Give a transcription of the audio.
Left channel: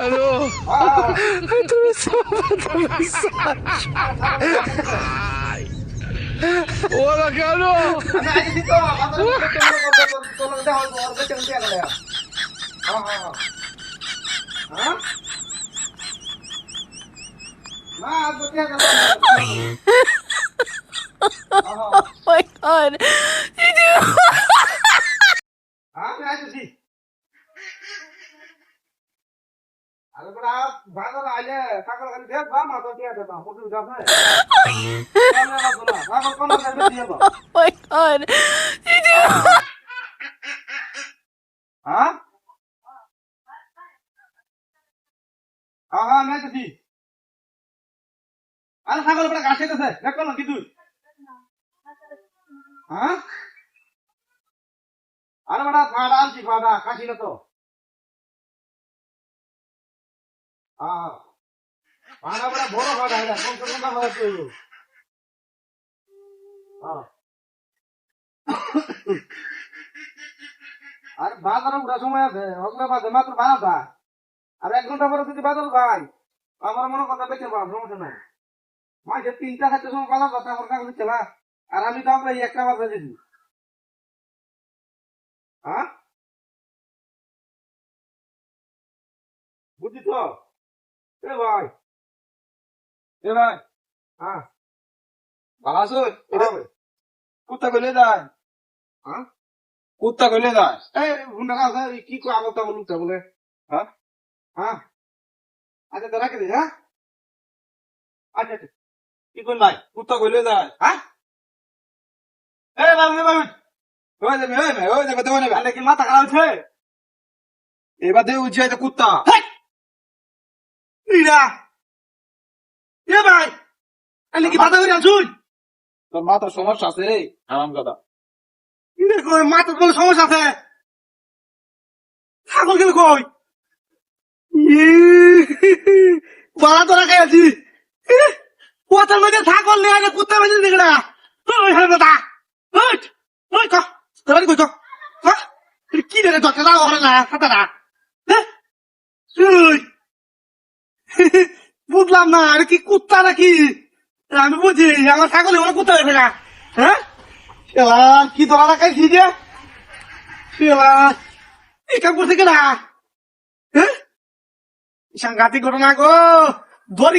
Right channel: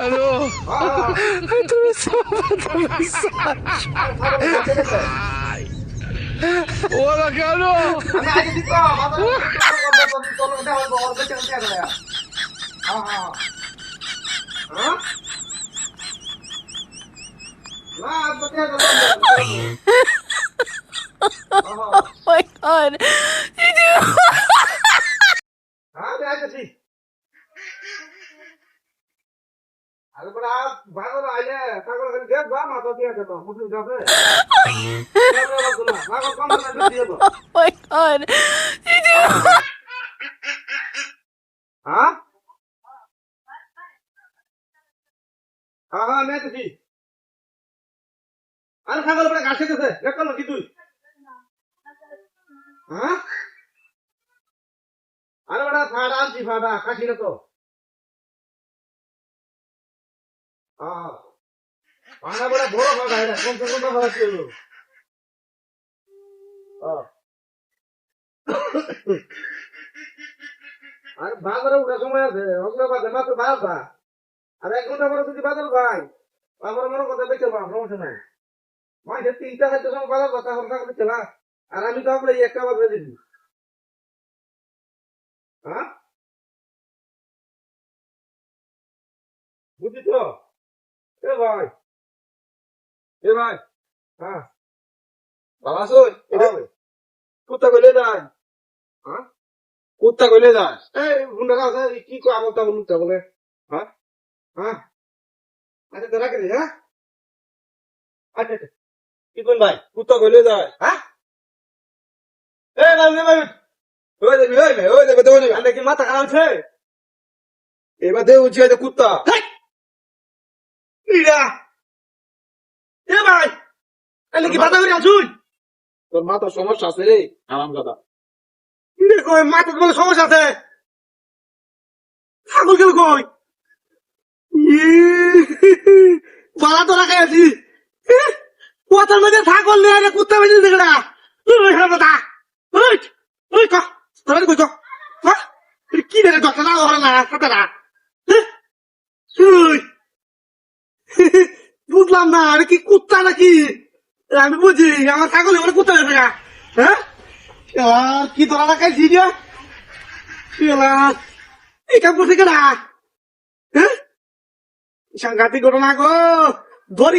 Aló. Hola, Carlos. Oh my god. Oh my god. আরে বড়া ফাড়া আনছি ফাড়া খাসি না তো ফাড়া বড়া বড় ফাড়া এটা কোন কোন কথা হচ্ছে আর বাজারে উঠা সময় আছে ওগুলো বাজে মাত্র 12টা আর 1 ঘন্টা পরে যদি বাজার ভাই আমার মনে কথা বেঁচে পাম সমস্যা নাই মাঝে 3টা 4টার সময় বাজার যাতে আমার কাছে চলা আর আমি তো আমরা একটা বাজারে দিছি হ্যাঁ বুঝলি তো এ ভাই হ্যাঁ ভালো আছো কুত্তা কইলে যায় হ্যাঁ কুত্তা কইলে যায় এই বুন্ডা আছে কি কো আবার তা বলুন তা বলে হ্যাঁ হ্যাঁ আচ্ছা তো রাখি হ্যাঁ আচ্ছা কি কইল ভাই কুত্তা কইলে যায় হ্যাঁ এ ভাই ওই দেখো তো না কি মাথা খারাপ হচ্ছে এবার দেউ উঠছে তো কুত্তা ইরা এ ভাই আলে কি মাথা করে আছুন তোর মাথার সমস্যা আছে রে আরাম কথা দেখো মাথার বলে সমস্যা আছে ছাগল গেল কই বাড়া তো রাখে আছি কোথার মধ্যে ছাগল নিয়ে না কুত্তা বেঁধে দিকে না ওই দাদা ওই ওই ক তোরা কই ক কি রে ডক্টর না ওরা না কথা না ওই বুঝলাম না আরে কি কুত্তা নাকি আমি বুঝি আমার ছাগল ওরা কুত্তা হয়ে না হ্যাঁ কি তোরা রাখাইছি দিয়া এই কাম করছে কেনা হ্যাঁ সাংঘাতিক ঘটনা গো ধরি